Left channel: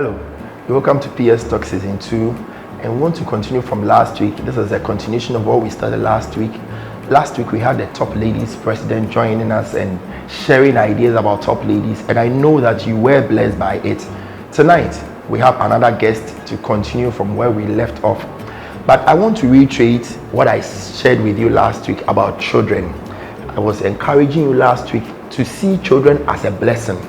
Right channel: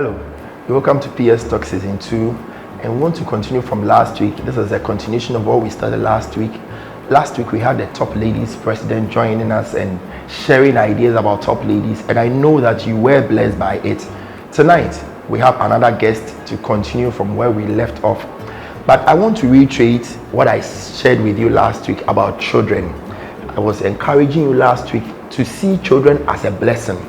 Hello, welcome to PS Talk Season 2, and we want to continue from last week. This is a continuation of what we started last week. Last week we had the top ladies president joining us and sharing ideas about top ladies, and I know that you were blessed by it. Tonight we have another guest to continue from where we left off, but I want to reiterate what I shared with you last week about children. I was encouraging you last week to see children as a blessing.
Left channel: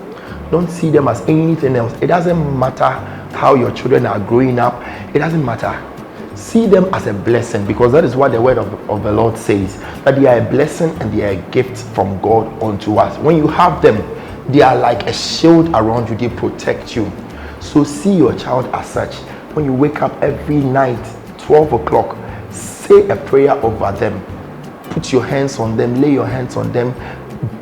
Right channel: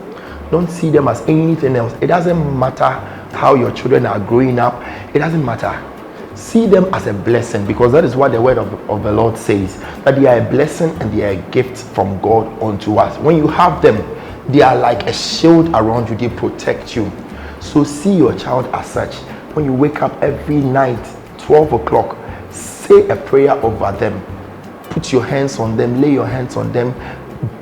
Don't see them as anything else. It doesn't matter how your children are growing up. It doesn't matter. See them as a blessing, because that is what the word of the Lord says, that they are a blessing and they are a gift from God unto us. When you have them, they are like a shield around you. They protect you. So see your child as such. When you wake up every night, 12 o'clock, say a prayer over them. Put your hands on them, lay your hands on them,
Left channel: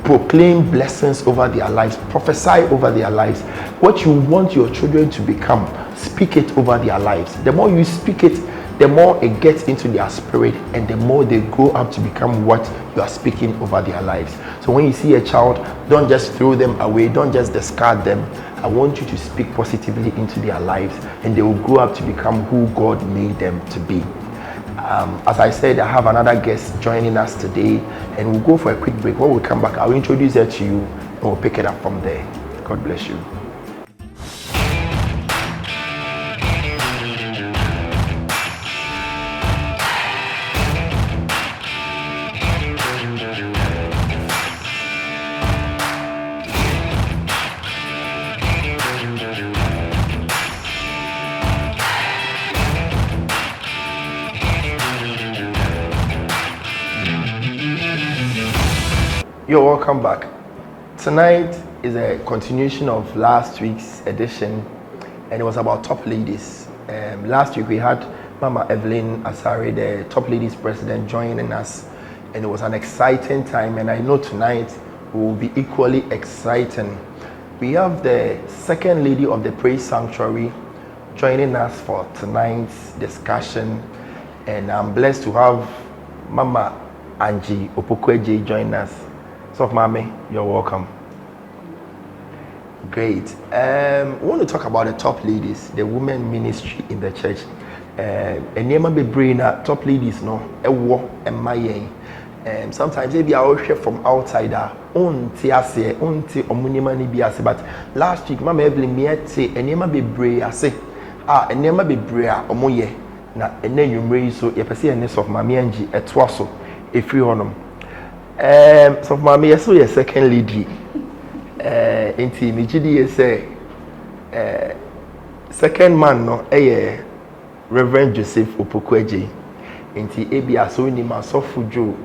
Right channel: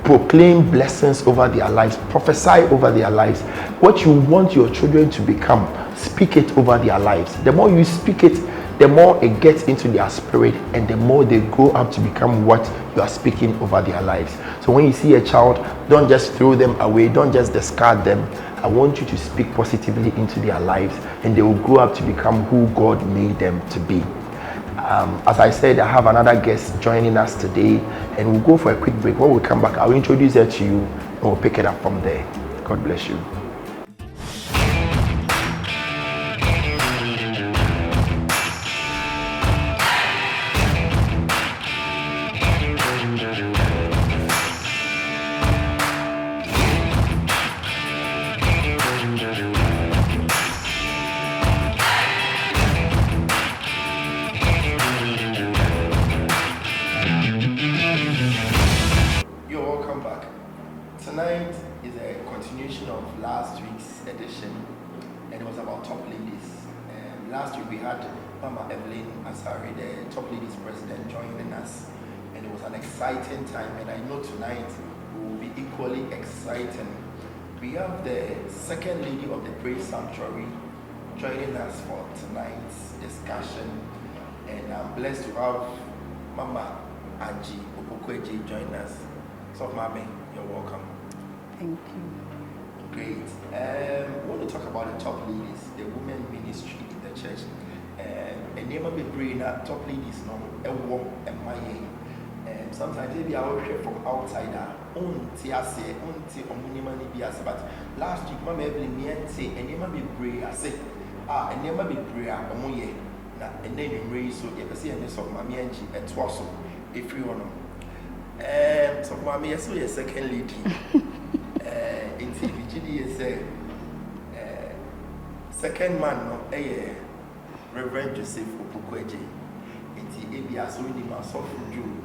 proclaim blessings over their lives, prophesy over their lives. What you want your children to become, speak it over their lives. The more you speak it, the more it gets into their spirit, and the more they grow up to become what you are speaking over their lives. So when you see a child, don't just throw them away, don't just discard them. I want you to speak positively into their lives, and they will grow up to become who God made them to be. As I said, I have another guest joining us today, and we'll go for a quick break. When we come back, I'll introduce her to you and we'll pick it up from there. God bless you. You're welcome back. Tonight is a continuation of last week's edition, and it was about top ladies. Last week we had Mama Evelyn Asare, the top ladies president, joining us, and it was an exciting time, and I know tonight will be equally exciting. We have the second lady of the Praise Sanctuary joining us for tonight's discussion, and I'm blessed to have Mama Angie Opokweje join us. So, Mommy, you're welcome. Thank you. Great. We want to talk about the top ladies, the women ministry in the church. And you be bringing top ladies, no, a war and my sometimes maybe I will share from outside. But last week, Mama Evelyn me say, and you be brave. I say, and you be brave. Omoye na, and then you raise so you perceive a nest of Mammy Angie at Twasso, if you on them. So Mommy, I saw your second lady. Inti Nijidi say second man no Reverend Joseph Opokweje. Inti ebi aso ni masofu jo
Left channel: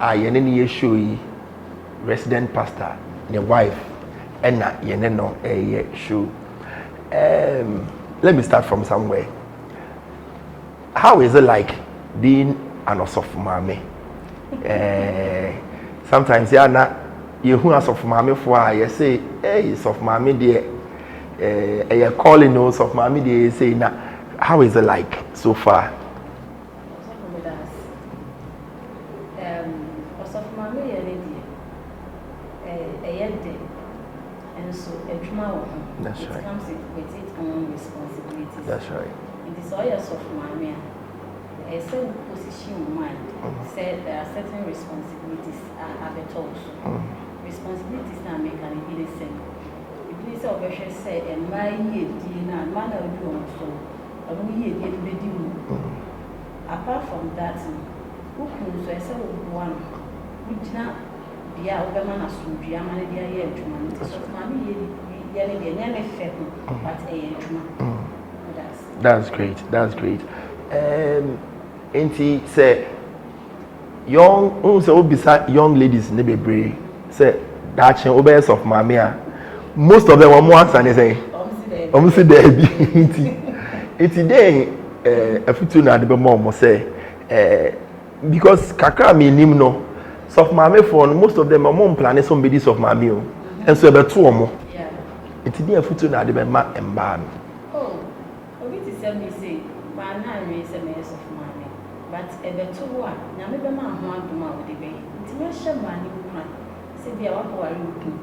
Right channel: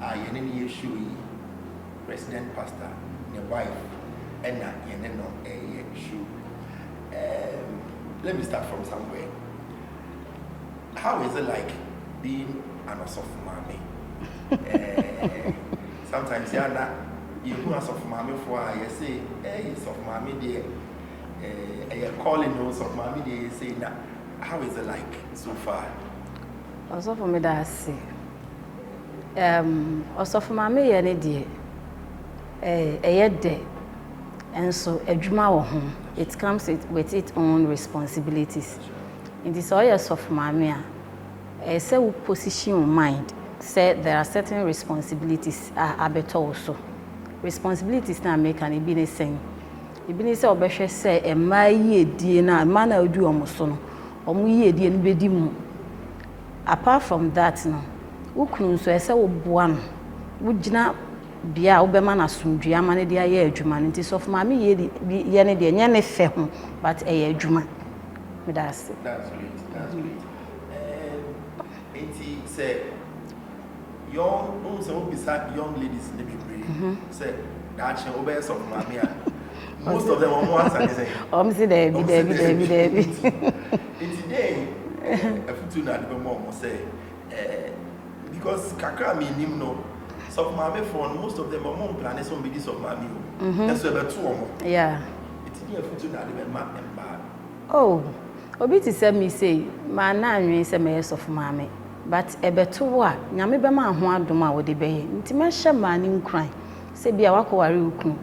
yene ni yeshoyi resident pastor ne wife ena yene no show. Let me start from somewhere. How is it like being an osofu mame? Sometimes you who as of mommy for you say, hey, it's of mommy dear, calling us of mommy dear, say, now, how is it like so far? Also for me, that's also for mommy, any dear, a day, and so a dreamer home. It right. Comes with its own responsibilities. That's right. In the soil of mommy. Say we position your mind. Say there are certain responsibilities are better also. Responsibilities now make an be the same. Even say obeshe say e ma ye die na man na do omoso no. Omo ye die no bedi mu. Apart from that no, wo kun so say wo boa no. Wo gina bia wo be ma na sumdua ma ne dia ye adwuma nti so for ma me ye ne de nya ne fe ho but e ye adwuma. That's great. That's great. Auntie say young ladies ne be brave. Say that chen obeyers of mamia. Most of them are more than say. See there. It's today a futu na de be more say because kakra me nim no soft mame for most of them are more planning somebody of mame and so be two omo. Yeah. It's today a futu na de be ma emba. Oh, obi ti say me say man na nwe say me soft mame. But ebeto wa nyame be ma ho adom a wo de be nti me hye ma ni nkran se bia wakoware ukun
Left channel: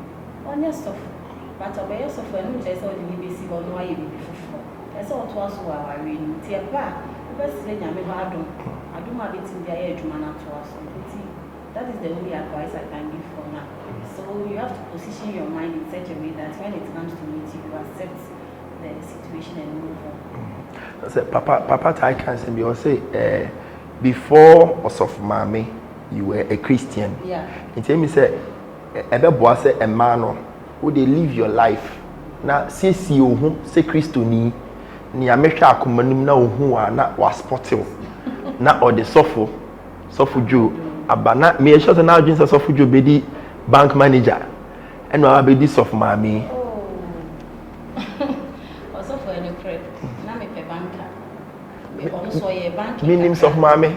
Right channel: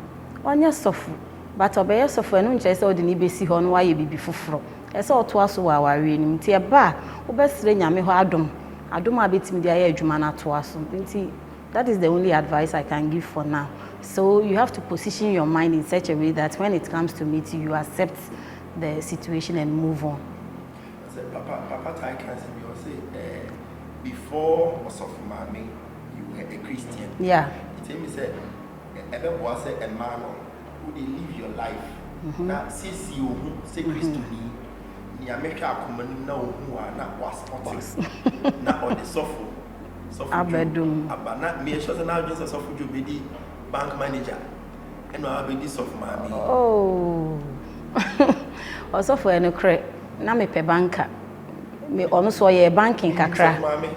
onye sofu but obey so for no chese o de ni besi ho no wa ye bibi foforo ese oto aso wa ware ni nti e ba obesire nyame ho adom abetimi de aye adwuma na to aso nti that is the only advice I can give for now. So you have to position your mind in such a way that when it comes to meeting, you accept the situation and move on. Papa I can say, you say, before Osof Mami, you were a Christian. Yeah. It tell me say, ebe boa say a man who they live your life. Na say si ohu say Christo ni amehwa akomanum na ohu a na was sportive. Na or the sofo Joe abana me sure say na adwin say sofo Joe be di bank manager and I be this of Mami. Oh. Also for any credit. Na me pe banker. Me ono so ye banking kakra. Meaning of Mami.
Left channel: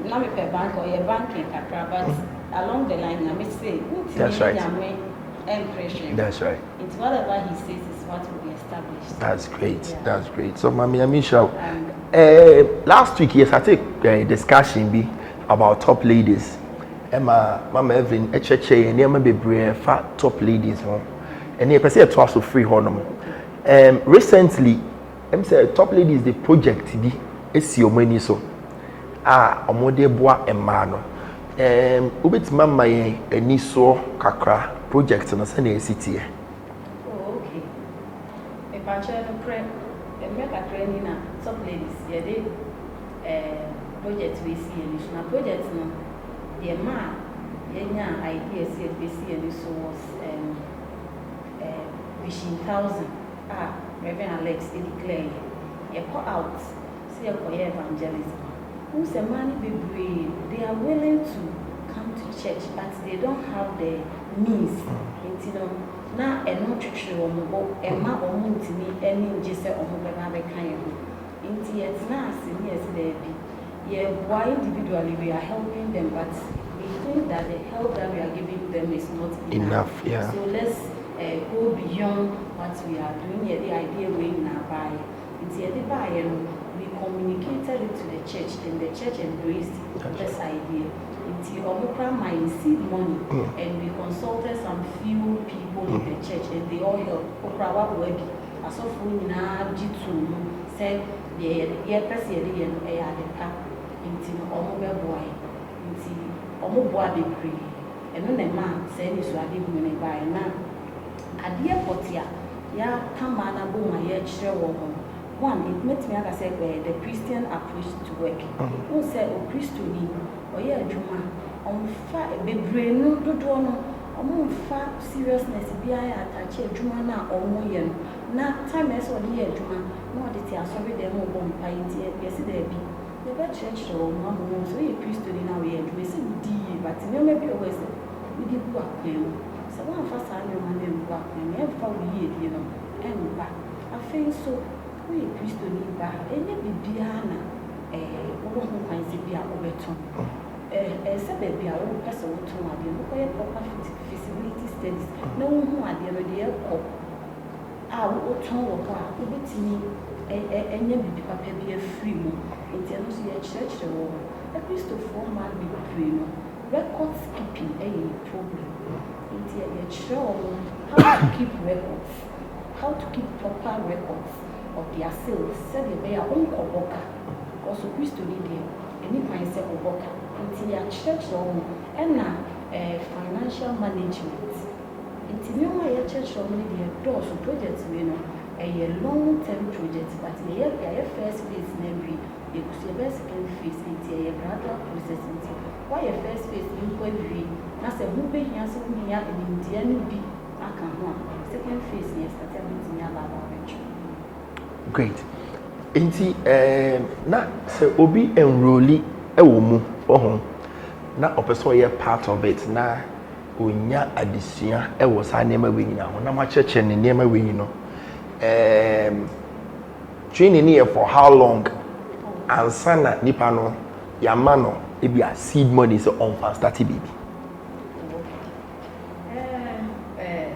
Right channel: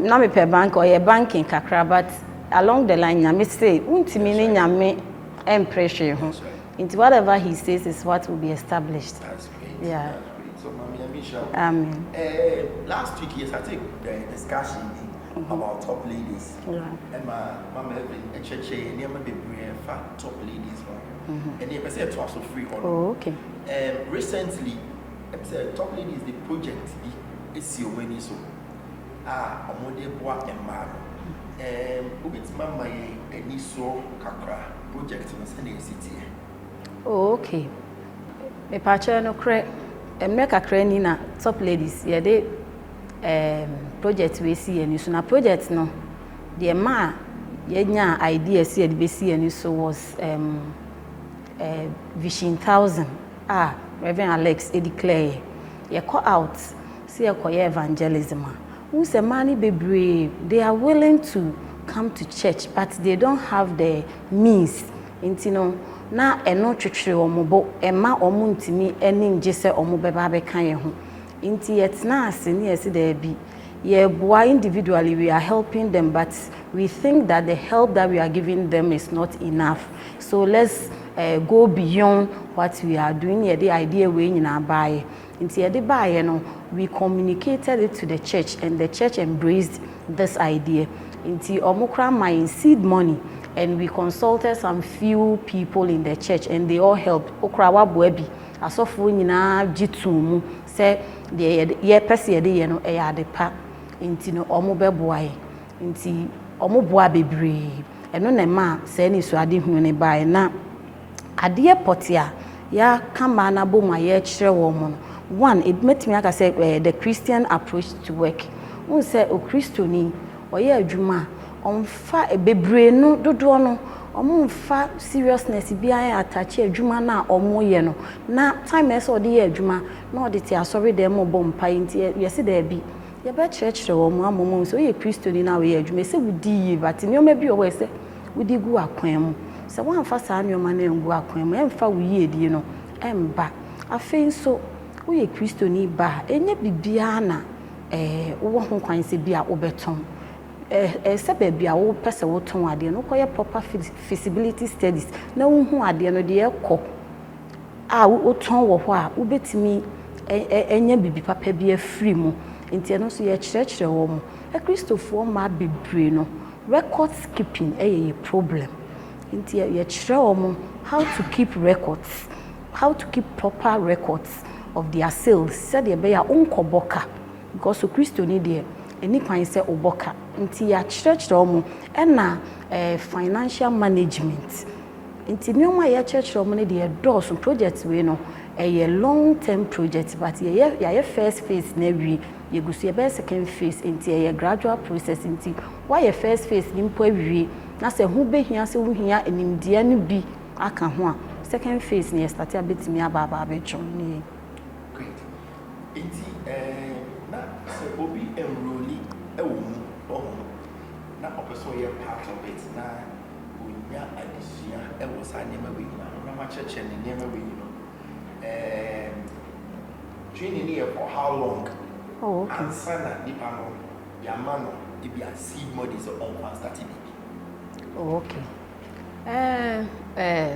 Na me pe bank or ye banking kakra, but along the line nyame say untimi ni nyame impression. That's right. Into whatever he says is what will be established. That's great. Yeah. That's great. So Mami Amisha, last week yes I take a discussion be about top ladies. Emma, Mama Evelyn, Echeche, and Emma Bebre, fat top ladies, and you can say it was so free honor. Recently, I'm saying top ladies the project be it's your money so. Omode bois and mano. Ubit Mama and so kakra project on a Sunday city. Oh, okay. A patcher no crack, and make a cranina top ladies, yeah, they project we see and you soon a project no. The ma yenya idea see the bc and so was Vision 1000 Reverend Alex declare ye call out see a evangelism who say money be brave they are willing to come to church but they don't have the means intino na eno twetwe omobo ema omo ntimi eni nje se omo beba be kan ye ho inti yet na ase ni ese da bi. Yeah, individually we are helping them, but we think that the help that we are giving them is not enough. Yeah. So let's go beyond what we are doing. Yeah, the idea we in our buy. We communicated it to the church, and the church embraced this idea. Into omukra my seed money, and we consulted some few people in the church, and they all helped. Okrawa buebi, asofu nyina jitu say the ye pesi ye no eyadepa. Inti no omo beboae inti omo boa bebre eno na ma se ni so ade hunu ne bae na ade potia ya kama na bo ma ye kire wo mo one it made me aka say the Christian approach to work won say o Christoni oye adwuma onfa bebre no dodo no omo nfa seriousness bia attach adwuma na omo ye no na time ese ode ye adwuma na ode ti asori dem mo bom pa inti yesi da bi ye be church wo mo amom so ye Christoni na we adwuma se wudi but me o ma bi o we se wudi gu akwan mu se wan fa sa me o ma na ngu akwan mu emfa wo ye die no emba afei so we Christoni ba enye bibia na wo ho kwan se bia wo beton se ba bia wo pese wo ton ade no koye proper feasibility studies na wo hu ade no de ekọ wo ton wo ho a wo betimi enye bibi papa bia free mu nti no so ye church wo mu Christopher ma bebre no record keeping a problem nti ye chire wo mu how to keep records, how to keep proper records of their sales said they be ya unkoboka because so Christo ni there any kwan say oboka nti ya church mu na financial management nti me oma ya church mu ni there doors projects we no a long term project but ya first phase na wi ye gusu ye be second phase nti a gradual process nti why your first phase ni mpo awie na se hu be hia se hu hia enimdia no bi aka ho a second phase ni start abetimi ababa abetwo. Great. Inti na se obi enrolli ewo mu ohun na opeso ye part of it na onya adesua ewo sa nema we nyina ho na ma cheche ne nema we nyino training here for how long? Oh, okay. And sana nipa no yamano e be a seed money so on fast start baby. Oh, okay.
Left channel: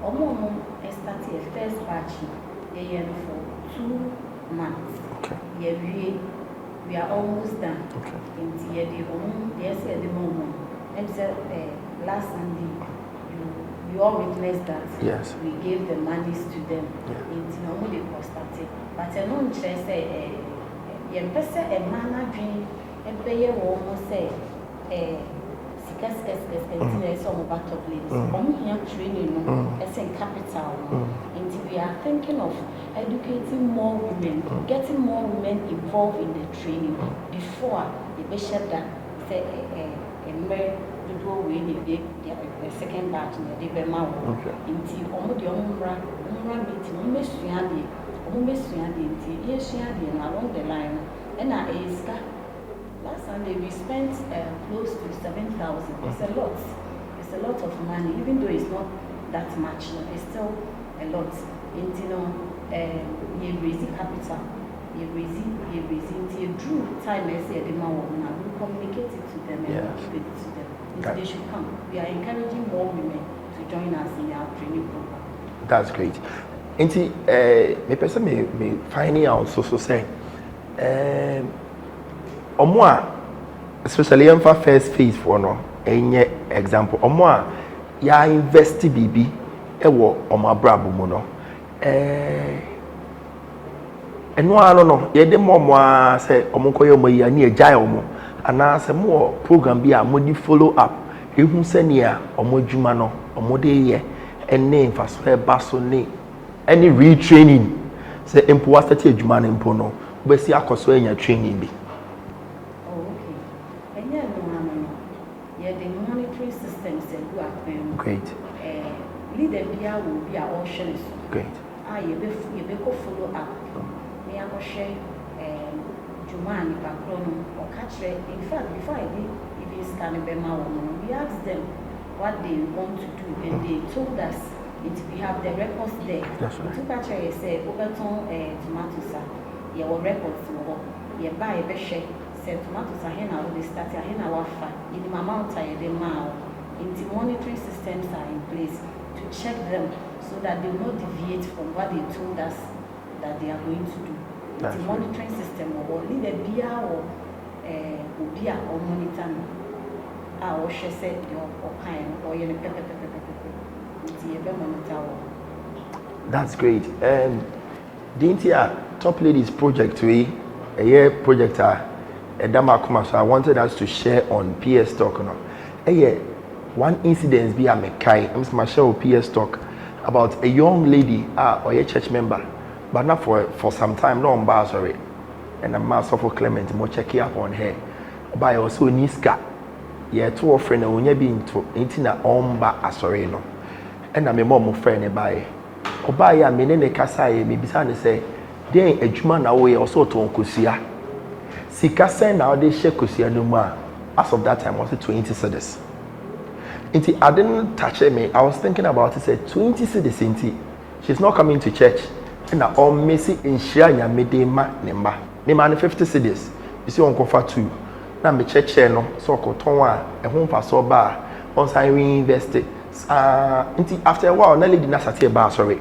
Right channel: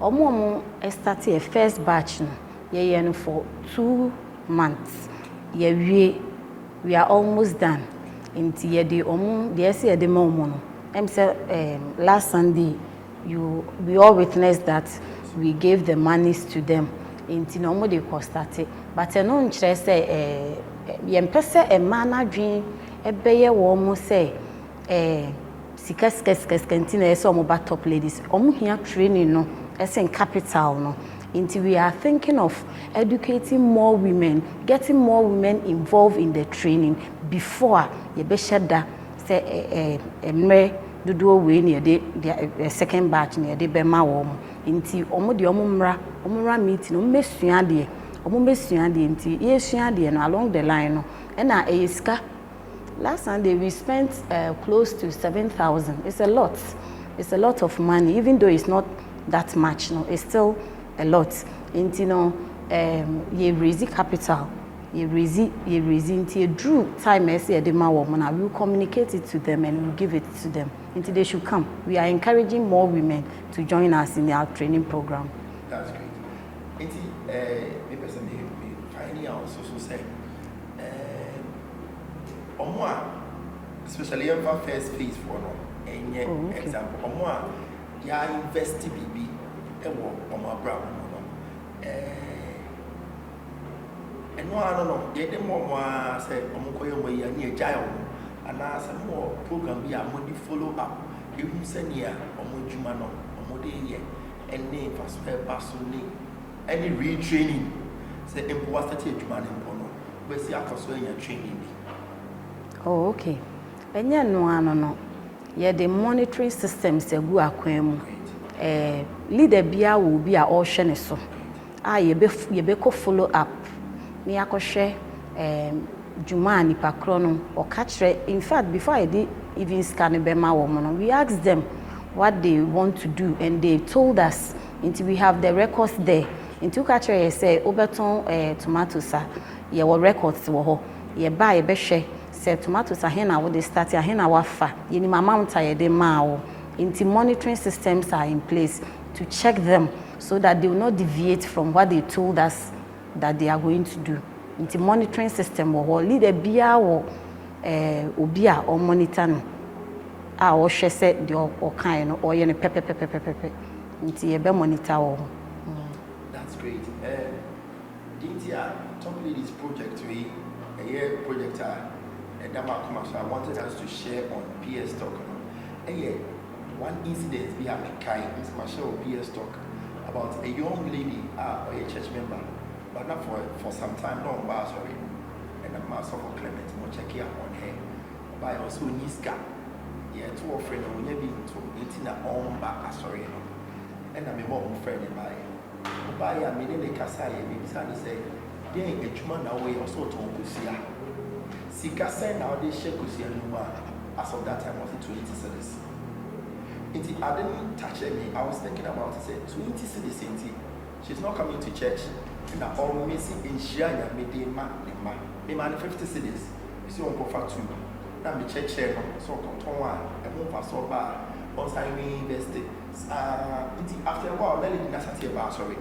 Omo start a first batch no ye for 2 months. Okay. We are almost done. Okay. Inti ye de omo de ese ye de mo no. Em say last Sunday we all witnessed that. Yes. We gave the monies to them. Into no more they started. But I know interest yempese a man dream a bayer woman say sikas cantina some about top ladies. Here training no as in capital no. Into we are thinking of educating more women, getting more women involved in the training before you be shada say do we near the second batch near the Bema war. Into omra meeting, Messuade, into Yessuade and along the line. And I last Sunday we spent close to 7,000. It's a lot. It's a lot of money, even though it's not that much. No, it's still a lot. Into you raise capital. You raise into drew time I say the woman. I will communicate it to them and we'll give it to them. Until they should come. We are encouraging more women to join us in our training program. That's great. Inti me person me finding out so say omo a especially in first phase for no enye example omo a ya invest bibi e wo omo abrabo mu no eno ano no ye de momo a say omo koye omo ya na agya omo ana say mo program bi a mo di follow up ehun se ne a omo dwuma no omo de ye ene faso baso ne any retraining say empo wasati adwuma ne empo no be si akoso anya training bi. Oh, okay. Enye no ano no ye the monitoring systems egu akwan mu. Great. Leader bia will be a all hwe ne so. Great. Ye be ko follow up. Me akohwe dwuma nipa kro no o ka kire. In fact, before I did even scan bema wo no, we asked them what they want to do and they told us until we have the records there. Into catcher say oberton tomatoes ye were records wo ho ye buy be hwe say tomatoes ahena wo dey start ahena wafa ye ni amount ye dey ma wo into monitoring systems are in place to check them so that they will not deviate from what they told us that they are going to do. Into monitoring system wo ho leader bia wo obi a o monitor no a o hwe say the o kan no o ye ne pepe monitor. That's great. The Top Ladies project a year projector so I wanted us to share on PS Talk one incident be a mekai I'm my show PS Talk about a young lady or a church member but not for some time no bar sorry and a master for Clement mo check up on her by also niska two friend and when being to intina omba asore no and I'm a mom friend by Obaya menene kasai me bisa say den adwuma na we also ton kosia sika sen na they share kosia no ma as of that time was 20 cedis. I didn't touch me. I was thinking about it, said 20 cedis inti. She's not coming to church. And I all messy in share ya medema nemba. Nema 50 cedis. You see on kofa 2. Na me church no so ko ton a home fa so ba once I reinvested. After a while, Nelly did not say bar sorry.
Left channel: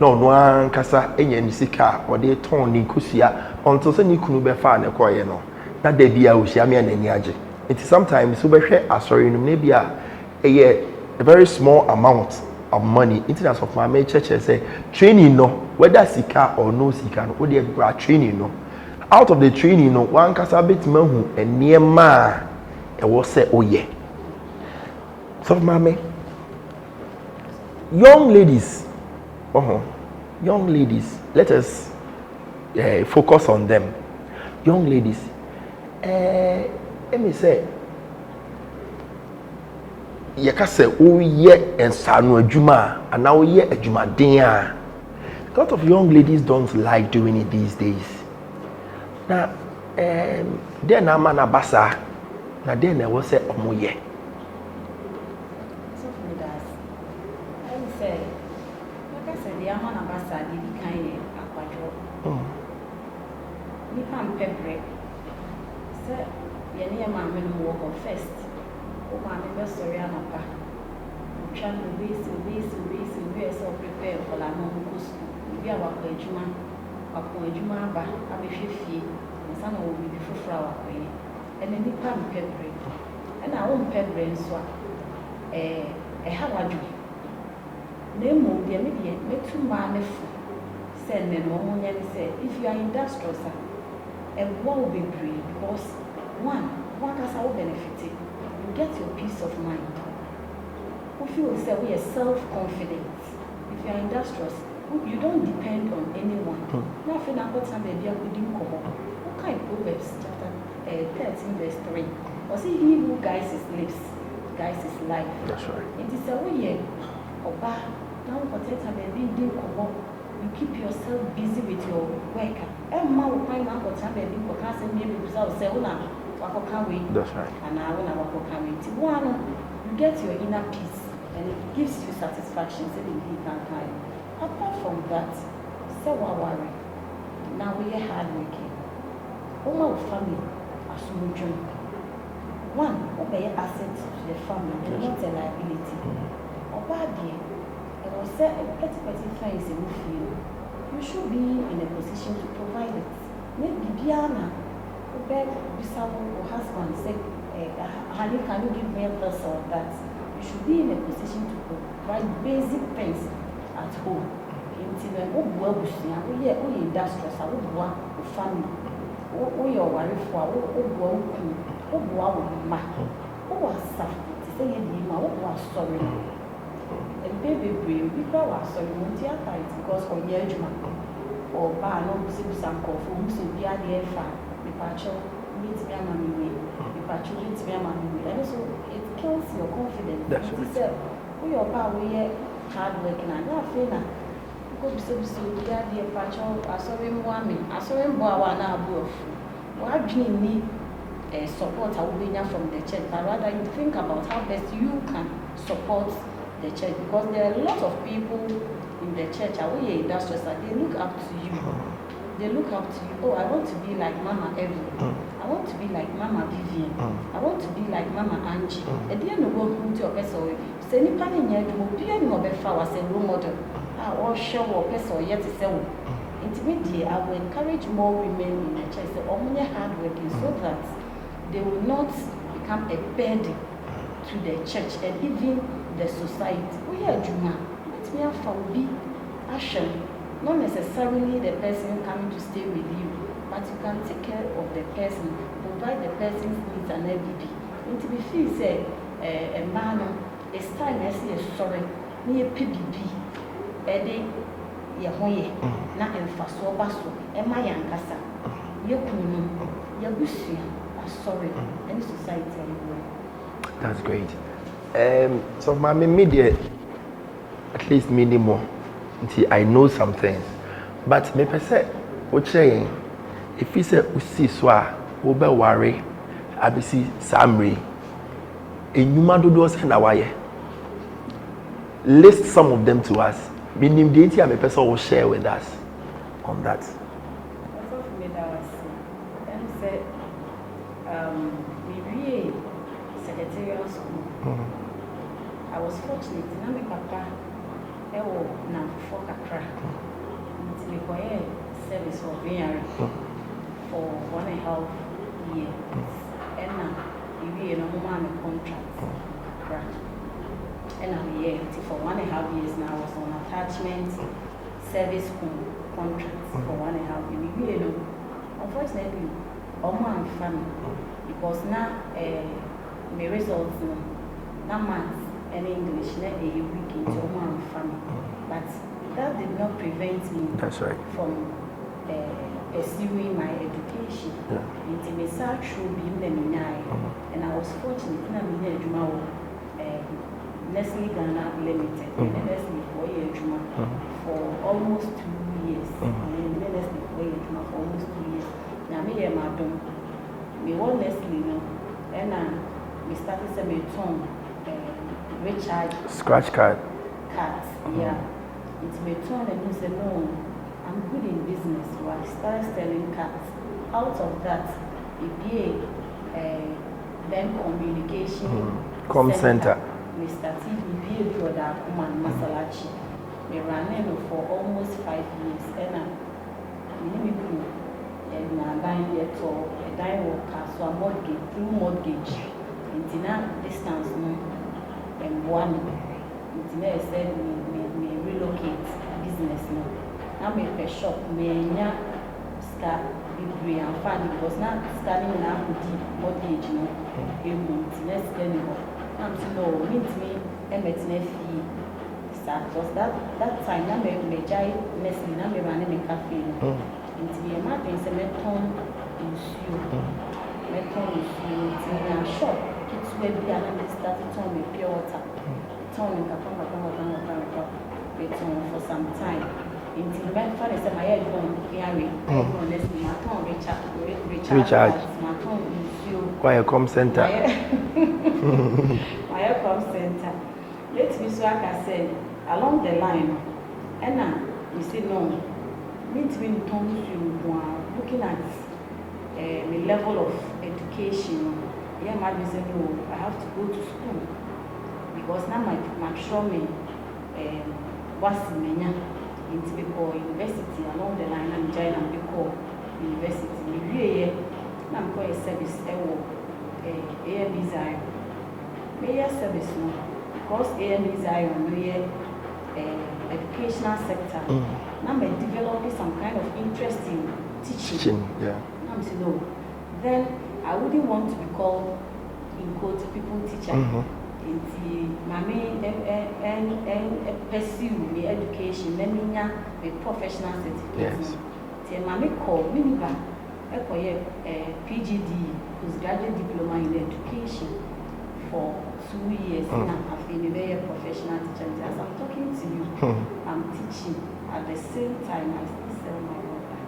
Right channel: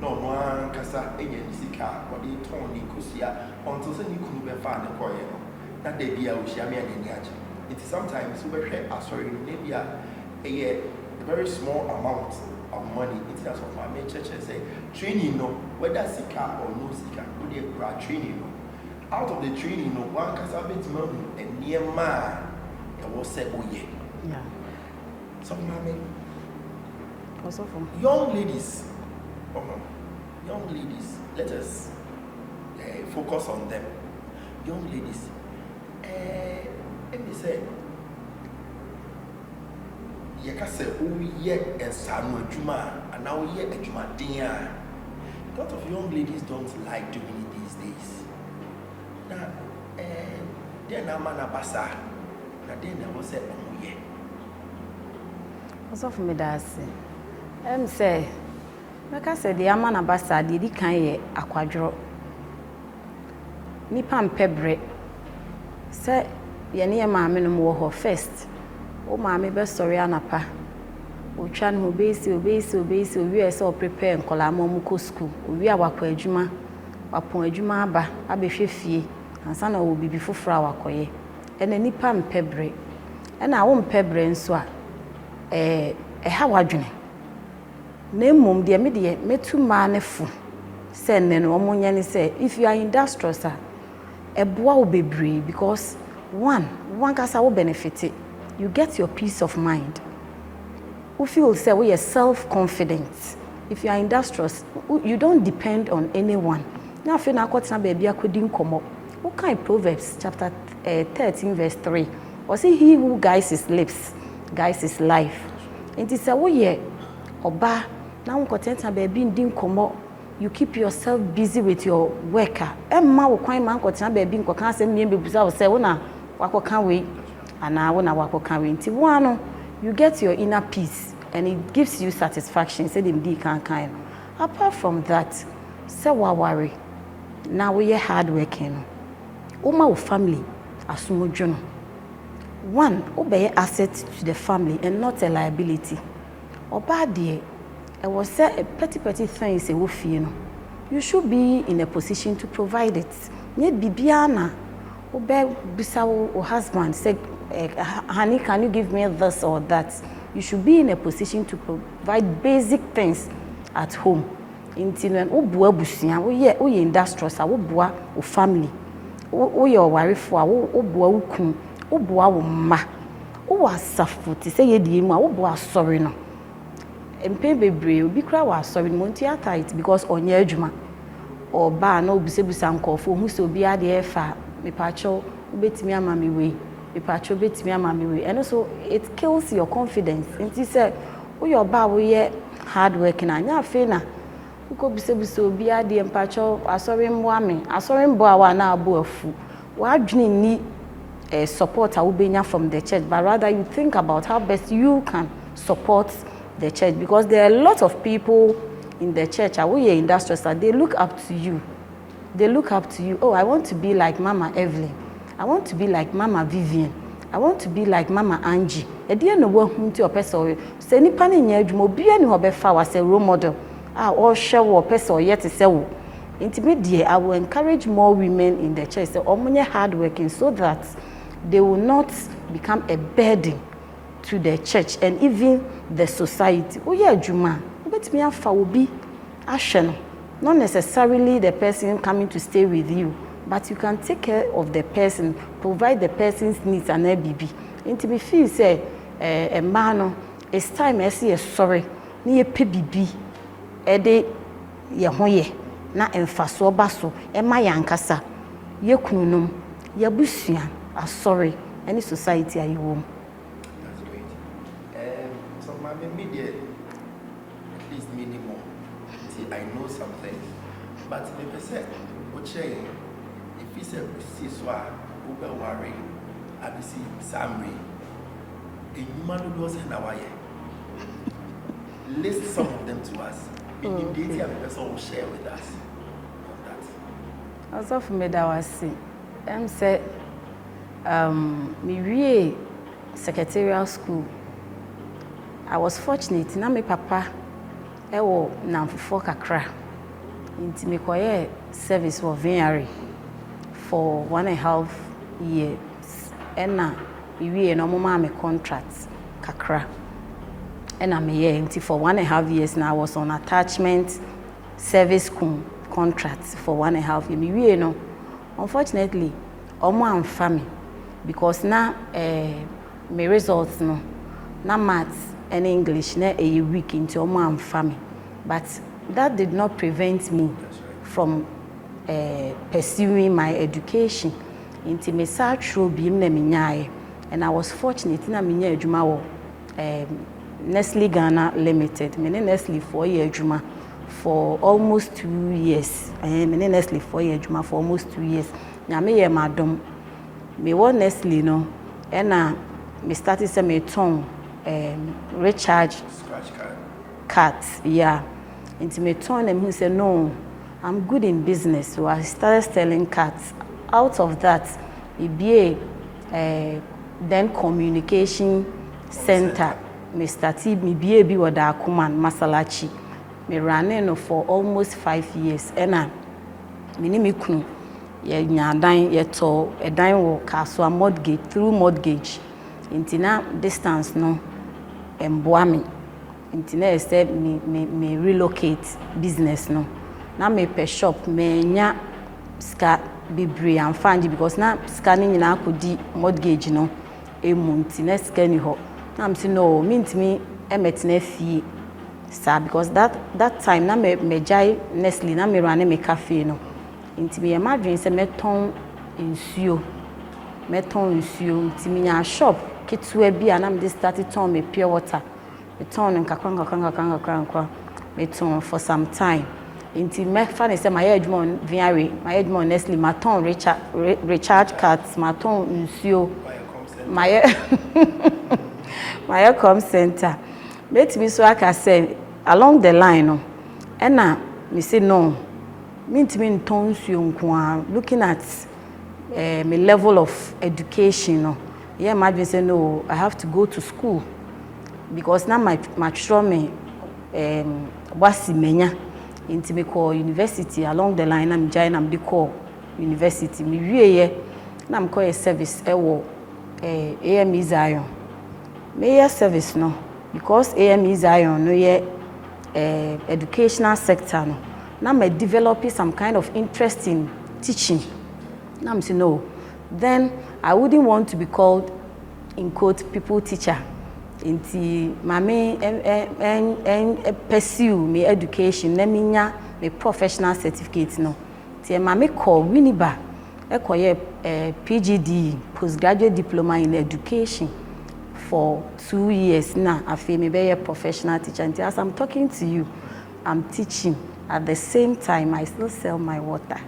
No one kasa enya nisika or they turn ni kusia until say ni kunu be fa na koye no. Na de bia o hia me anani age. It is sometimes so be hwe sorry no maybe a very small amount of money. Internet of my church say training no whether sika or no sika no we dey training no. Out of the training no one kasa bit mahu eniema e wo say oye. So mama young ladies, let us focus on them. Young ladies, let me say, you can say, oh, yeah, and Sanu Juma, and now, yeah, a Juma Dia. A lot of young ladies don't like doing it these days. Now, they're not manabasa, now then I will say, oh, yeah. So for me, that's say, like I said, the Amana Bassa did he can a quadro. Nipan pebre say, Yania mamma more first. Oh, mammy, best sorry, Anapa. Uchan Mubesi, we are so prepared and Colamo school. We are Wakwajuma, Wapoejuma, Abefi, and son will be before flower coye. And a nipan pebre. And I won't pebre and so how adwene na mum de me de metu ma ne fo say ne no omonya ni say if you are industrious eboa wo bebre because one kasa wo benefit you get your peace of mind. You feel say we are self-confident. If you are industrious, you don't depend on anyone. Now if you na kwatna baby akodi nkomo. What kind Proverbs chapter 13 verse 3. Was it he who guides his lips, guides his life? That's right. It is a way oba now kwatna baby ndi nkomo. You keep yourself busy with your worker. Emma wo kwan man kwatna baby nkoka asem ne bebusa wo say wo na wakoka we. That's right. And now wo na wakoka we. Nti wo ano you get your inner peace and it gives you satisfaction. Say them can kind. Apart from that, say wa worry. Now we are hard working. Uma family asumudwon. One, obey asset to the family and not a liability. Oba dear, I was say a petty things you should be in a position to provide it. Net bibiana. Obey bisawo husband say, honey, can you give me this or that? You should be in a position to provide basic things at home. Intinan obua busia, we industrious, obua o family. We your wife for obua ukun, obua ma. O asafu ti say ye di ma obua sorry no. Empe bebre obi kra wa sorry no theater it because onye adwuma. Or ba na obisebusa nkofo hu se obi ade e fa me pacho betimi ama me we. And also it kills your confidence. It is we your ba we hard working and ya fe na ko bisebuso bi ade empacho asori mwa me asori mbo awa na abo afu wa adwene ni support a ubenya from the church, but rather you think about how best you can support the church, because there are a lot of people in the church we are industrious that they look up to you. They look up to you. Oh, I want to be like Mama Evelyn. I want to be like Mama Vivian. I want to be like Mama Angie. At the end of what to your person, say any pan in your be any obefa was a role model. Or show or person or yet to say, intimate, I will encourage more women in the church, so hard working, so that they will not become a burden to the church and even the society. Oh yeah, Juma, let me have be action. Not necessarily the person coming to stay with you, but you can take care of the person, provide the person's needs and ABB. And to be feel say a man, it's time I see a sorry, near PBB, a day ye hoye, na enfaso baso, e ma yankasa, ye kunum, ye busian, a sorry, any society are you home. That's great. So my media, at least minimum. I know some things, but me per se, what saying? If you say usi swa, ube worry, abisi samri, enyuma do do send awaye. List some of them to us. Meaning the idea me person will share with us on that. Also for me that was see, say, me really secretarial school. I was fortunate. Na me papa. Ewo na mfufo kakra nti me koye service for VRE for 1.5 years ena iwie no mo ma me contract kakra ena me ye nti for 1.5 years now I was on attachment service contract for 1.5 years. Me wie no unfortunately omo amfa me because na me results no na maths and English na a week into my family, but that did not prevent me from pursuing my education. Into me through being and I was fortunate in a minya juma Nestle Ghana Limited. Me Nestle 4 year juma for almost 2 years. Me Nestle 4 year juma for almost 2 years. Na me ye madam me won Nestle no, and me started say me tongue. Recharge scratch cards, yeah. Into me turn and he said, no, I'm good in business. So I started selling cards. Out of that, it be then communication center. Me started me be with Akuman Masalachi. Me ran for almost 5 years. And I me kunu ye nyadan ye to a dine work so a mortgage through mortgage. Intina distance no emboa me Internet said me relocate business no. Na me per shop me nya ska bebre and find because na scanning na akodi mortgage no emunti na ska ni ho. Na am say no me emetena fie sa because that time na me jai Nestle na me run me cafe no. Inti me imagine say me ton nsuo. Me ton nsuo inti me nya shop kitwe bia na me start ton me pure water. Me ton nkakwa me ton for some time. Inti me fa say my edmon viare my edmon Nestle ma ton Richard cards ma ton nsuo why come center my come center let me so aka say along the line no na me say no me ntimi ton nsuo nko looking at my level of education no yeah might say no I have to go to school because now my sure me wasi menya into me call university along the line I'm join am the call university me wie na am call a service ewo AME Zion me service no because AME Zion no ye educational sector no na me developing some kind of interest in teaching yeah. Na am say no then I wouldn't want to be called in quote people teacher inti mame pursue me education na me nya me professional certificate yes. No ti mame call winiba ekoye PGD postgraduate diploma in education for 2 years na afi me be a professional teacher and as I'm talking to you I'm teaching at the same time I still sell my water.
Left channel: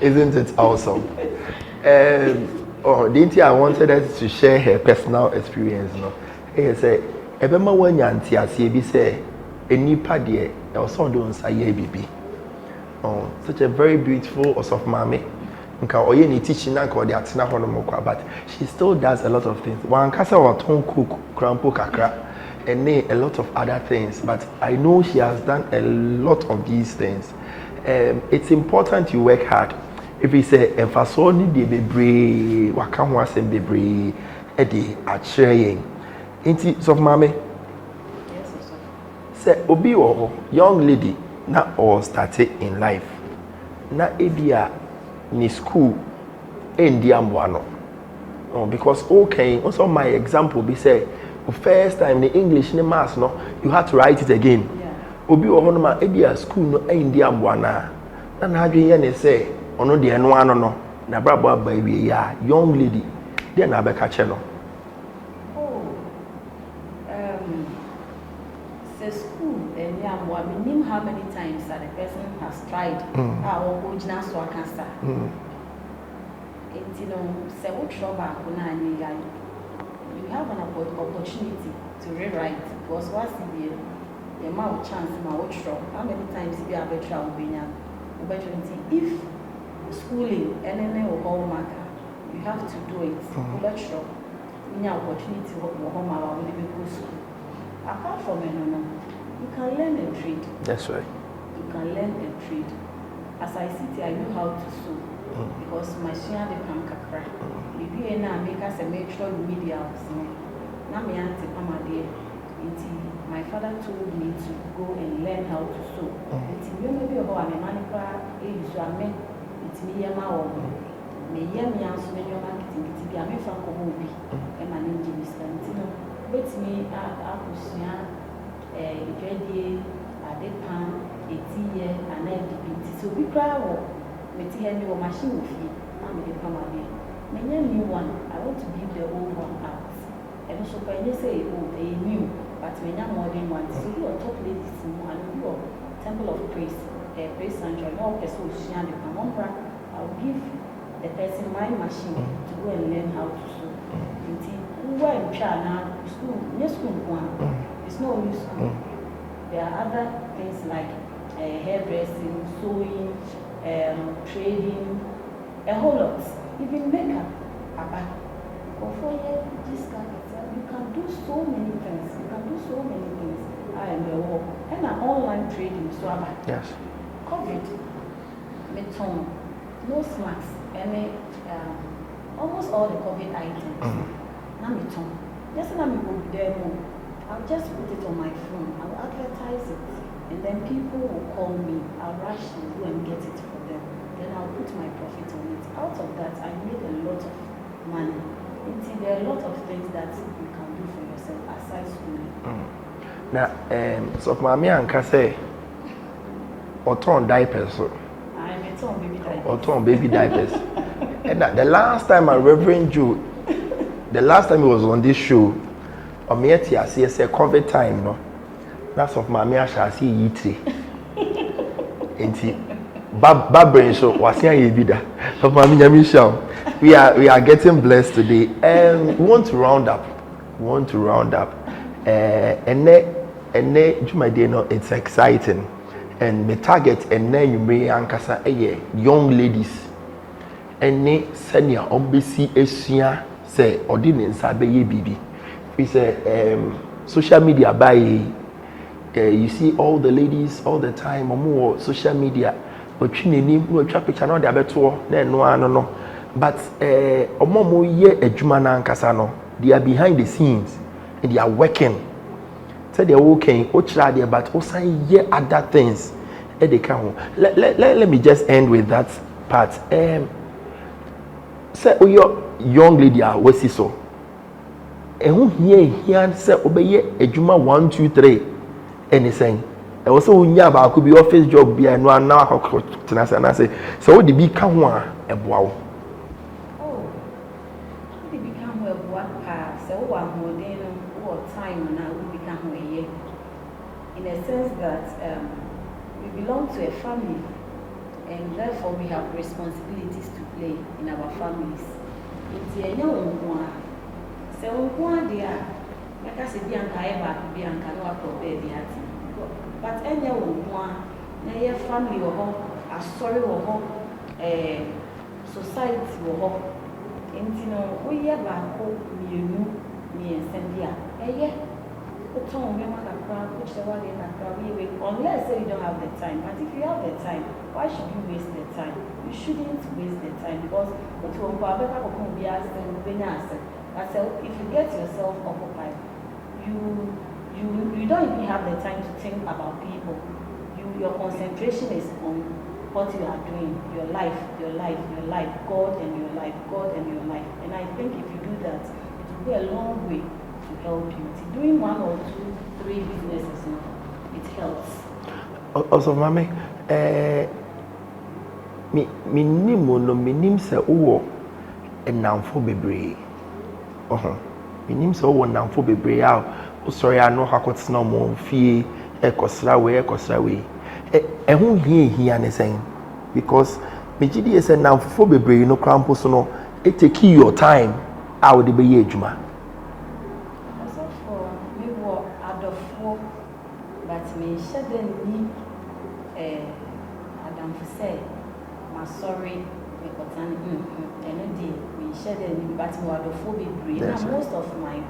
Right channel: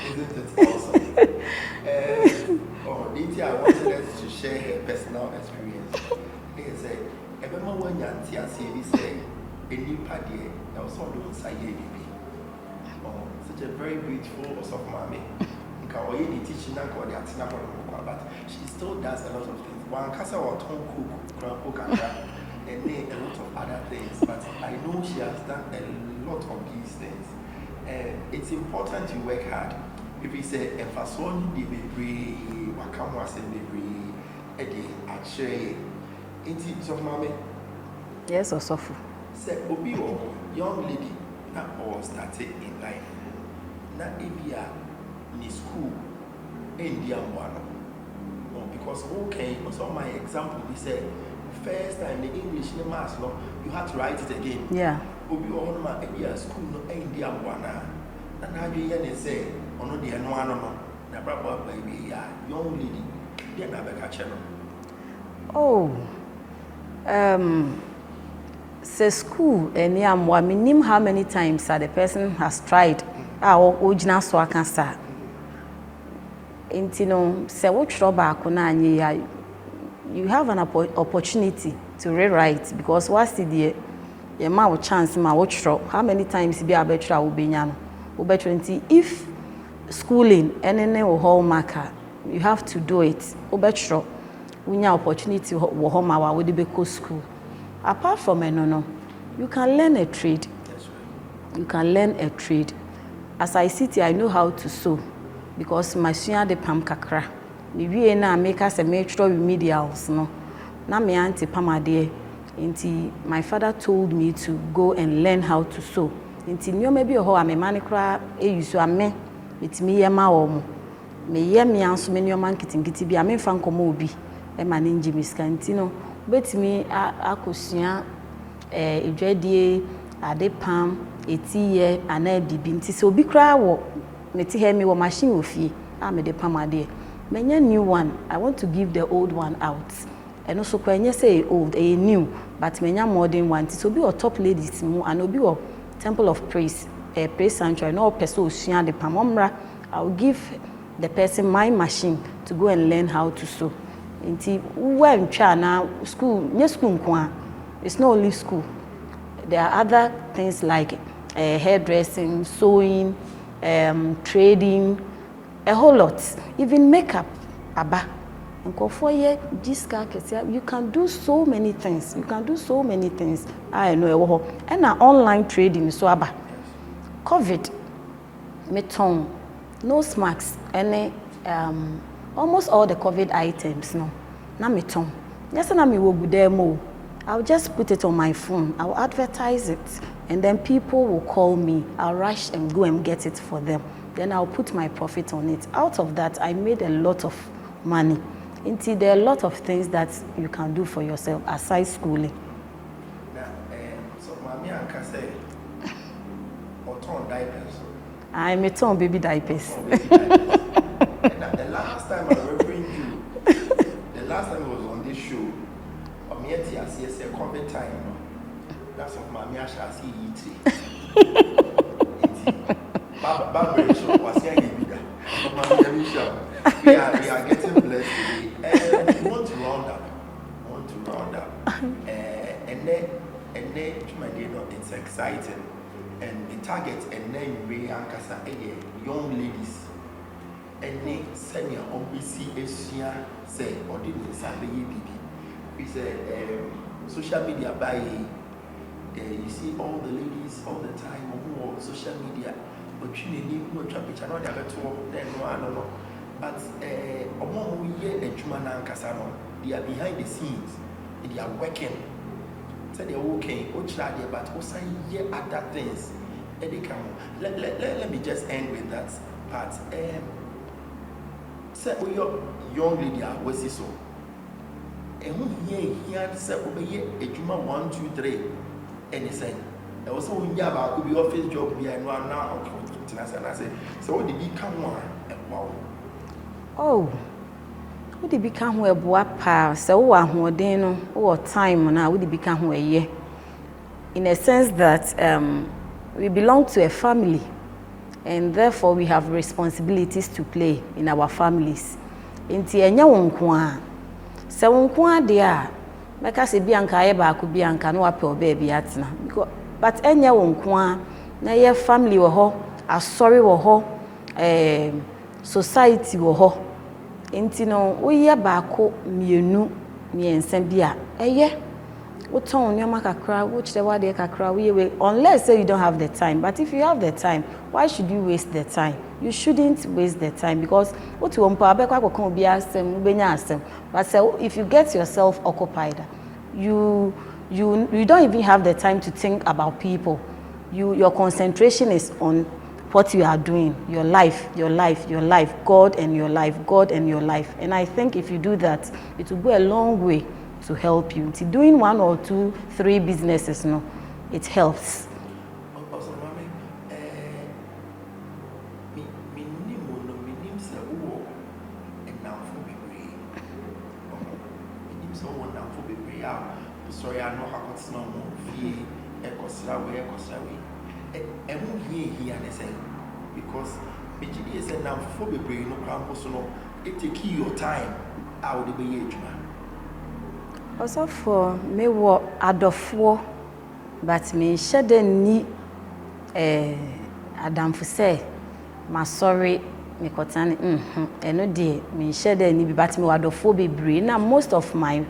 Isn't it awesome? Oh, didn't I wanted us to share her personal experience. No? He said, "Ebema wanyanti asiyebi say, enipa die na osondo nsaye bibi." Oh, such a very beautiful of mommy. Nka oye ni teaching na nka odi atena hono mokwa, but she still does a lot of things. Wan kasa wa ton cook, crampo kakra, and a lot of other things. But I know she has done a lot of these things. It's important you work hard. If we say emfaso ni de bebre waka ho asem bebre e de a kyerɛ enti so mama yes osofo say obi wo young lady na all started in life na ebia ni school endi amboa no because okay also my example be say the first time the English ni maths no you had to write it again yeah obi wo ho no ma ebia school no endi amboa na adwen ye ne say ono de eno ano no na brabo aba wie ya young lady de na be ka che no say school any amwa minim how many times that the person has tried our original so aka sa intino say wo tro ba ko na anye ya you have an opportunity to rewrite because what's the your ma chance ma wo tro how many times be abetra wo benya no wo betra nti if schooling any hallmarker you have to do it obetro unya opportunity wo home wa we dey go school apart from no you can learn a trade. That's right, you can learn a trade. As I sit here I know how to sew because my sua de pam kakra me wie na make us a metro remedials no na me auntie pamade nti my father told me to go and learn how to sew nti nyoma bi ho amemane kra use ame itimi yema wo me ye me anso me nyoma nkitingiti bi ame fa nkomo obi e ma ne nji miska nti no betimi akosua edwadie ade pam etiye ana bibi nti so obi kra wo neti he me wo machine ofie me de pam ade menya new one I want to give the old one out and also kwanya say old a new but menya modern one so be or top ladies mu and obi wo temple of praise praise sanctuary no person osua de pam omra I will give the person my machine to go and learn how to sew nti when twa na school nye school nko it's not only school there are other things like hairdressing, sewing, trading, a whole lot, even makeup aba nko for ye jiska kese you can do so many things I know and online trading so aba yes covid meton nose masks any almost all the covid items no na meton Yes, and I'm demo. I'll just put it on my phone. I'll advertise it, and then people will call me. I'll rush and go and get it for them. Then I'll put my profit on it. Out of that, I made a lot of money. Indeed, there are a lot of things that you can do for yourself aside schooling. Now, so mommy and say, or torn diapers. I'm a torn baby diapers. Or torn baby diapers. And the last time I Reverend Jew, the last time he was on this show, on me I see a COVID time, no. That's of mommy I shall see ye tree. Bad brain show was here you be that. Of mommy Michelle. We are getting blessed today. We want to round up. And my dear, no, it's exciting. And the target and then you may ankasa young ladies. And ne senior obisi esia say ordinance abeye bibi. We say social media by you see all the ladies all the time more social media. But no picture no dey abeto no. But omomo ye adwuma na ankasa no, they are behind the scenes and they are working. So they are working, but also hear other things. Let me just end with that part. Say, oh, your young lady, what's it so? And who here say, obey a juma 1, 2, 3, anything. And also, Yaba could be office job, be and one now. And I say, so what did become one? Wow. Oh. Would it become where boapa so who then or time now would it become where ye in a sense that we belong to a family and therefore we have responsibilities to play in our families. Inti enya wonkwa se wonkwa de a meka se bianka ye ba ko bianka no ape oba bi atena but enya wonkwa na ye family wo ho asori wo ho society wo ho. Inti no woyɛ baako mienu miensa bia eye woton nyoma kakra wo kire wade kakra we unless say you don't have the time. But if you have the time, why should you waste the time? You shouldn't waste the time because what you want abekwa kokon bia asem benya asem. But so if you get yourself occupied, you don't even have the time to think about people. Your concentration is on what you are doing, your life, God and your life. And I think if you do that, it will go a long way to help you. Doing 1 or 2, 3 businesses, no, it helps. Also, mommy, me nim say owo enamfo bebre. Me nim say owo enamfo bebre a sorry I know how to mo fie ekosra we. Ehun hia ne sen because megidi is na mfofo bebre no krampo so no it take your time a wo de be ye adwuma also for me wo adofo but me shede ni adamfo say ma sorry me kotane eno de me shede ni bi but me adofo bebre na most of my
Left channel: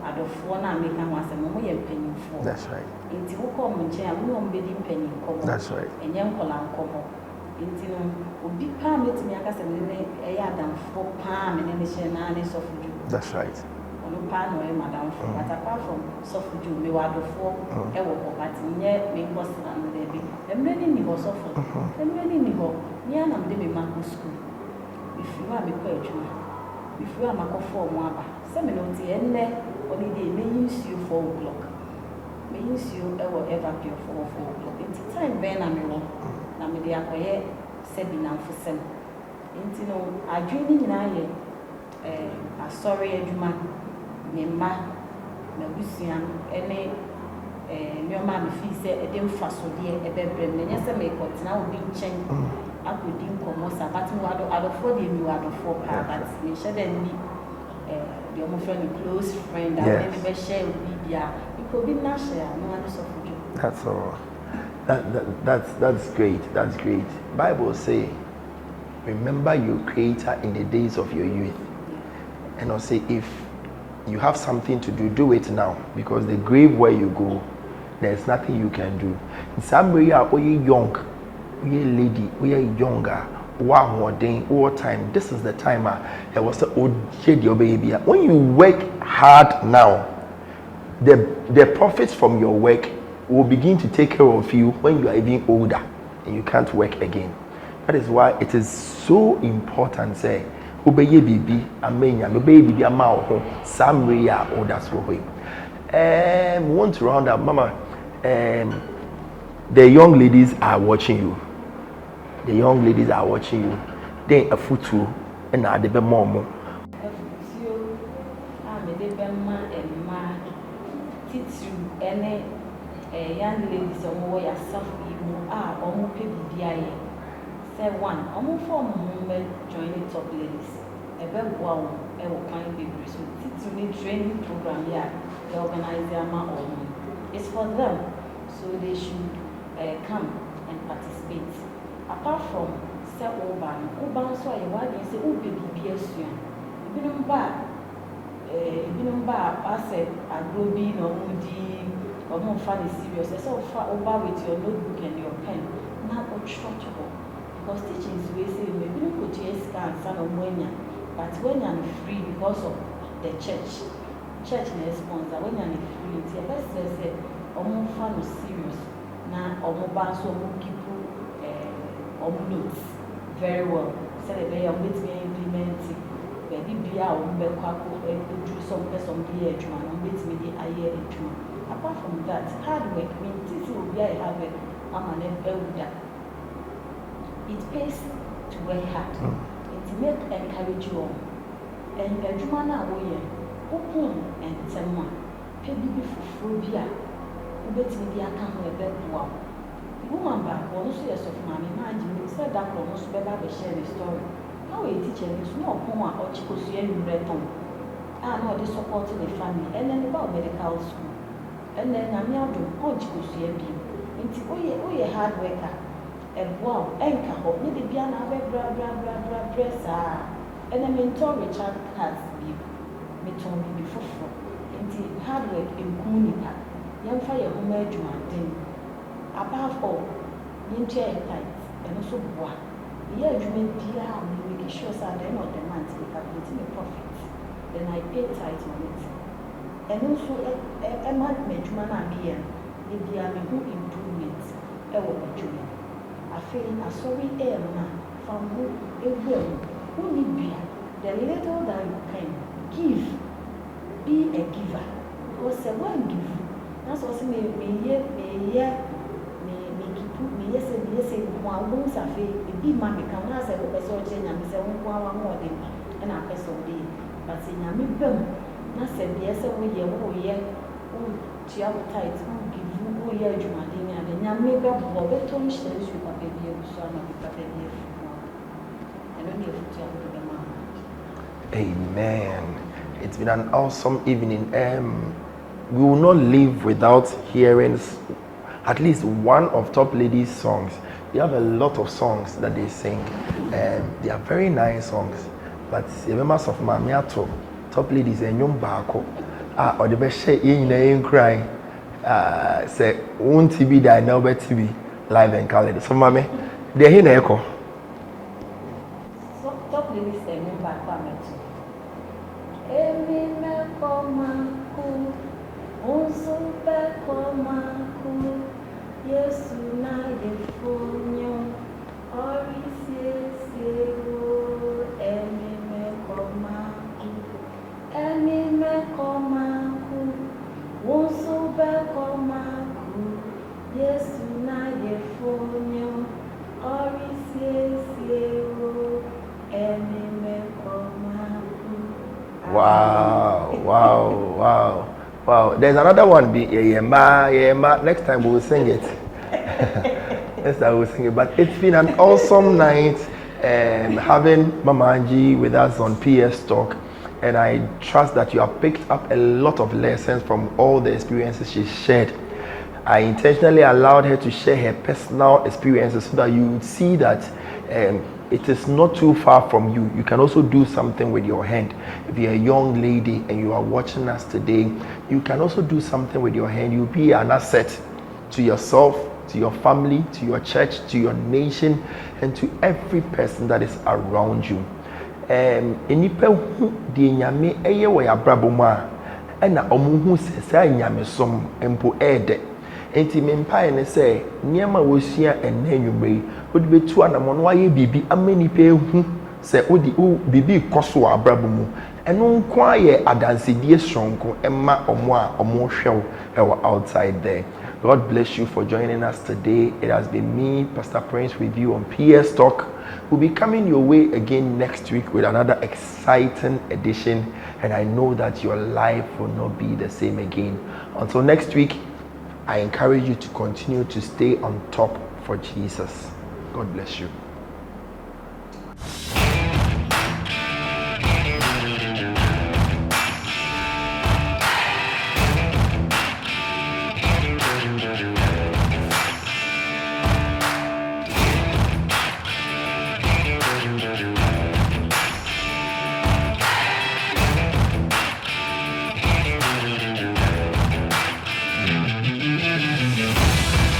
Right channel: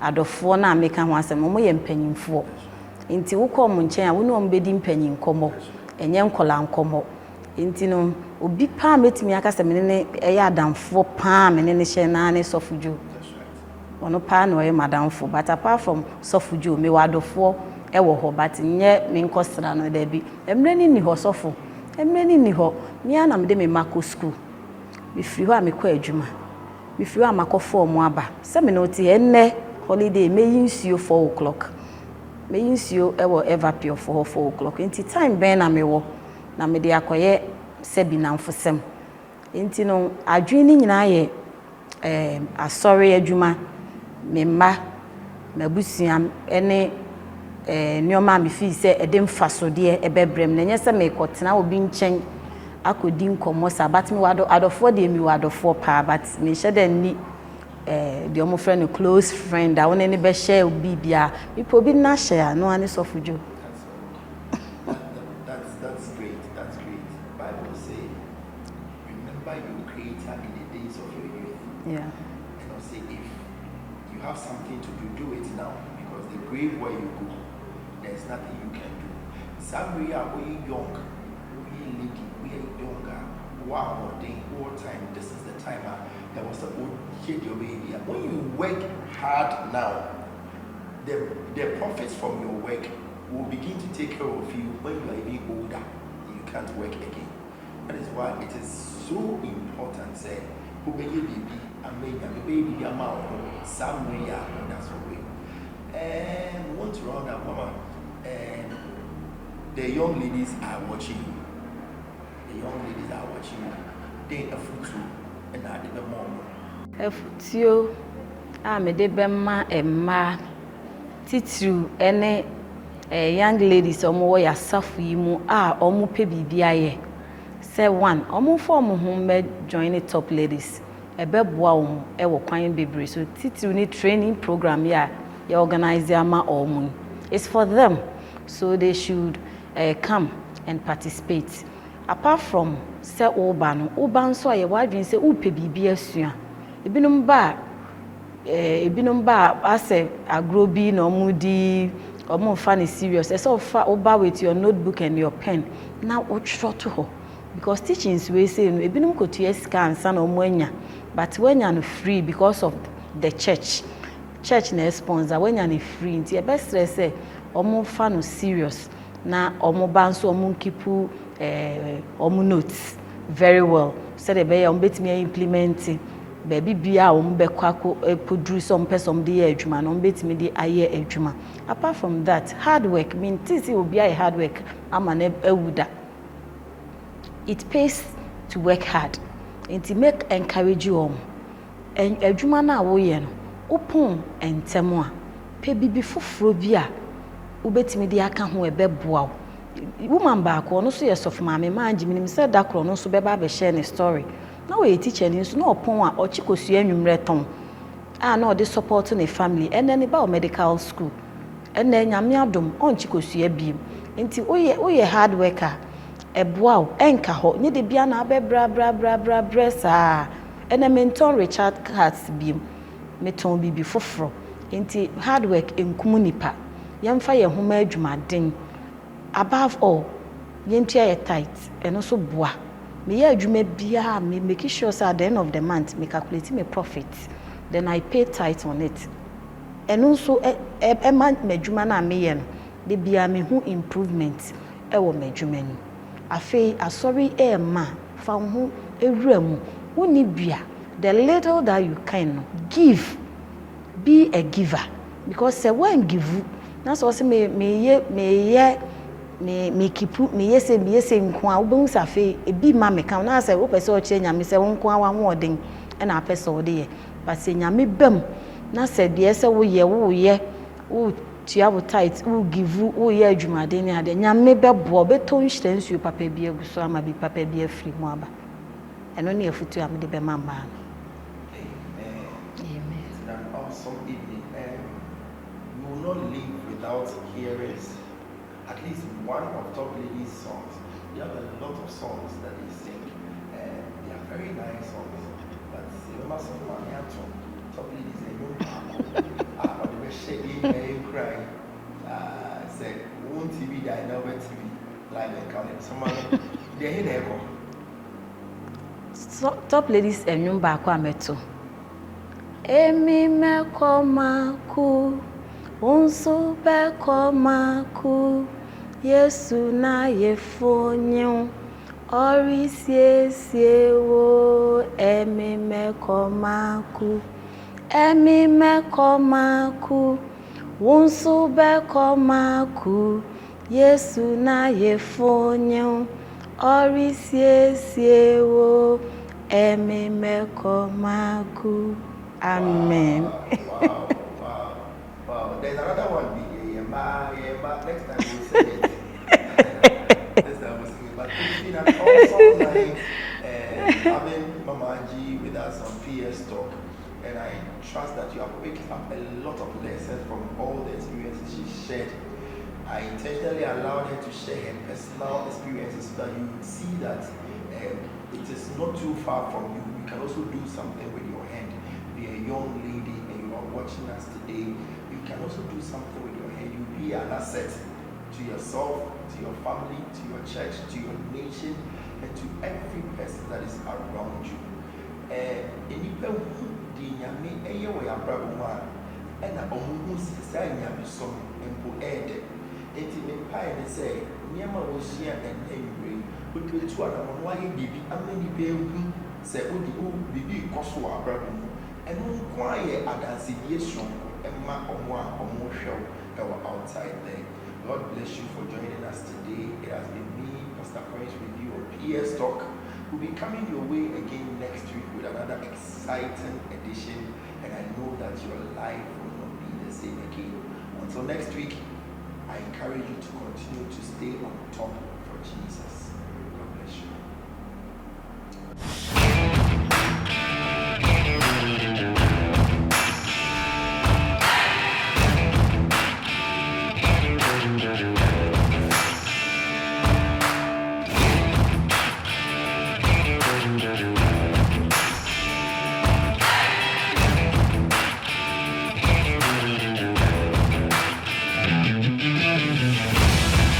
adofo na make kan ho asem mo ye mpanyimfo. That's right. Inti wukọ mu nchen a wonu ombedi mpanyin komo enye nkola nkomo inti no obi pa metimi aka se menene eye adamfo pa menene hye na ne sofuju. That's right. Ono pa no eye madamfo but apart from sofuju me wadofo e wo ho but nye me nkosra no da bi emreni ni ho sofo emreni ni ho ni ana me de me mako school me firi ho a me kọ adwuma me firi ho a makofo mu aba se me no ti enne holiday me yinsuo 4 o'clock. Me yinsuo ewo ever pure for 4 o'clock. Inti time ben na me wo na me de akoye sebi na mfosem. Inti no adwin ni nyina ye asori adwuma me mma mabusuam ene nyoma me fi se edem fasode ebebrem na nyese me kotena obi nchen akodi nkomo sa but me wado adofo de mi wadofo pa but me hyeda ni the omo friend, a close friend, I want any be share bibia. People be na share, no one is of you. That's all. That's great. That's great. Bible say, remember your Creator in the days of your youth. Yeah. And I'll say, if you have something to do it now, because the grave where you go, there's nothing you can do. In some way, are young, we are lady, we are younger. Wow, more day, all time. This is the time It was when you work hard now, the profits from your work will begin to take care of you when you are even older and you can't work again. That is why it is so important. Say, obeye bibi amenya, obeye bibi amao, samre ya or that's what we. We want to round up, Mama. The young ladies are watching you. The young ladies are watching you. Then a futu and a debe momo. A futu, I'm a debema emma. Titu ene young ladies omo ya safu yimu omo pe bibia ye. Say one, omo form home join the top ladies. Ebeboa omo e wo kwan bebre. So titu ni training program ya organize ama omo. It's for them. So they should come and participate. Apart from say oban so aye wadwin say upe bibia sua. Ebinom ba ase agro bi na omudi omo fa ni serious. Say ofa oba with your notebook and your pen. Now otro to ho. Because teachings we say no ebinom go to esika ansa na omo anya. But when you are free because of the church na sponsor when you are free nti e best say omo fa no serious na omo ba so omo kipu omo notes very well so the be omo betimi implement baby bia omo be kwako produce some person dey adwuma no omo betimi dey aye adwuma. Apart from that, hard work mean tisi obi aye hard work ama na ewuda. It pays to work hard. It make encourage you omo en adwuma na wo ye no open entemo a pe bibi foforo bi a ubetimi de aka ho ebeboa woman back no so yesof maame manji minim say dakro no so beba be share ni story na we teacher ni so na opon a ochikosu anwumre ton na the support na family and then ba medical school and then nyame adom on chikosu abiem nti oye hard worker eboa enka ho nye de bia na bra sa and mentor Richard Cards biem meton bibi foforo nti hard work enkumu nipa yamfa ye homa adwumaden above all yentua ye tight and also boa me ye adwuma bia me make sure say at the end of the month me calculate me profit then I pay tight on it and also month me adwuma na me ye no de bia me hu improvement e wo me adwuma ni afei asori ma fa hu ewura mu woni bia the little that you can give, be a giver. Because say when give, that's also me keep me say nkwa obo safe e bi ma me kan na say wo pese o che nyame say wo nkwa wa hoden e na pese o de ye but say nyame bam na say de say wo ye wo tia wo tight wo give wo ye adwumade ni ade nyame bebo beto nhyiransu papa bi aguso ama bi papa bi afiri mu aba eno ne afutu am de be mamba. Amen. It's been an awesome evening. We will not live without hearing at least one of Top Ladies' songs. They have a lot of songs that they sing. They are very nice songs. But the members of Mamiato, Top Ladies, and Young Bako, or the best share in cry. Say, won't be that now, but to be live and colored. So, Mammy, they're here in echo. Top Ladies and Young Bako ameto. Emi me komaku, unsu be komaku, Yesu na yefonyo, ori siewo. Emi me komaku, unsu be komaku, Yesu na yefonyo, ori siewo. Emi me komaku. Amen. Wow. There's another one. Next time we will sing it. Next time we will sing it. But it's been an awesome night and having Mama Angie with us on PS Talk. And I trust that you have picked up a lot of lessons from all the experiences she shared. I intentionally allowed her to share her personal experiences so that you would see that it is not too far from you. You can also do something with your hand. If you're a young lady and you are watching us today, you can also do something with your hand. You'll be an asset to yourself, to your family, to your church, to your nation, and to every person that is around you. enipa hu de nyame eye wo yabrabo mu a na omuhu sesa nyame som empo ede enti mempae ne se niema wosua enne nwumei odi betu anamo no aye bibi amanipa ehu se odi bibi koso abrabo mu eno nko aye adansedie sonko emma omo a omo hwew ewo outside there. God bless you for joining us today. It has been me, Pastor Prince, with you on PS Talk. We'll be coming your way again next week with another exciting edition, and I know that your life will not be the same again. Until next week, I encourage you to continue to stay on top for Jesus. God bless you.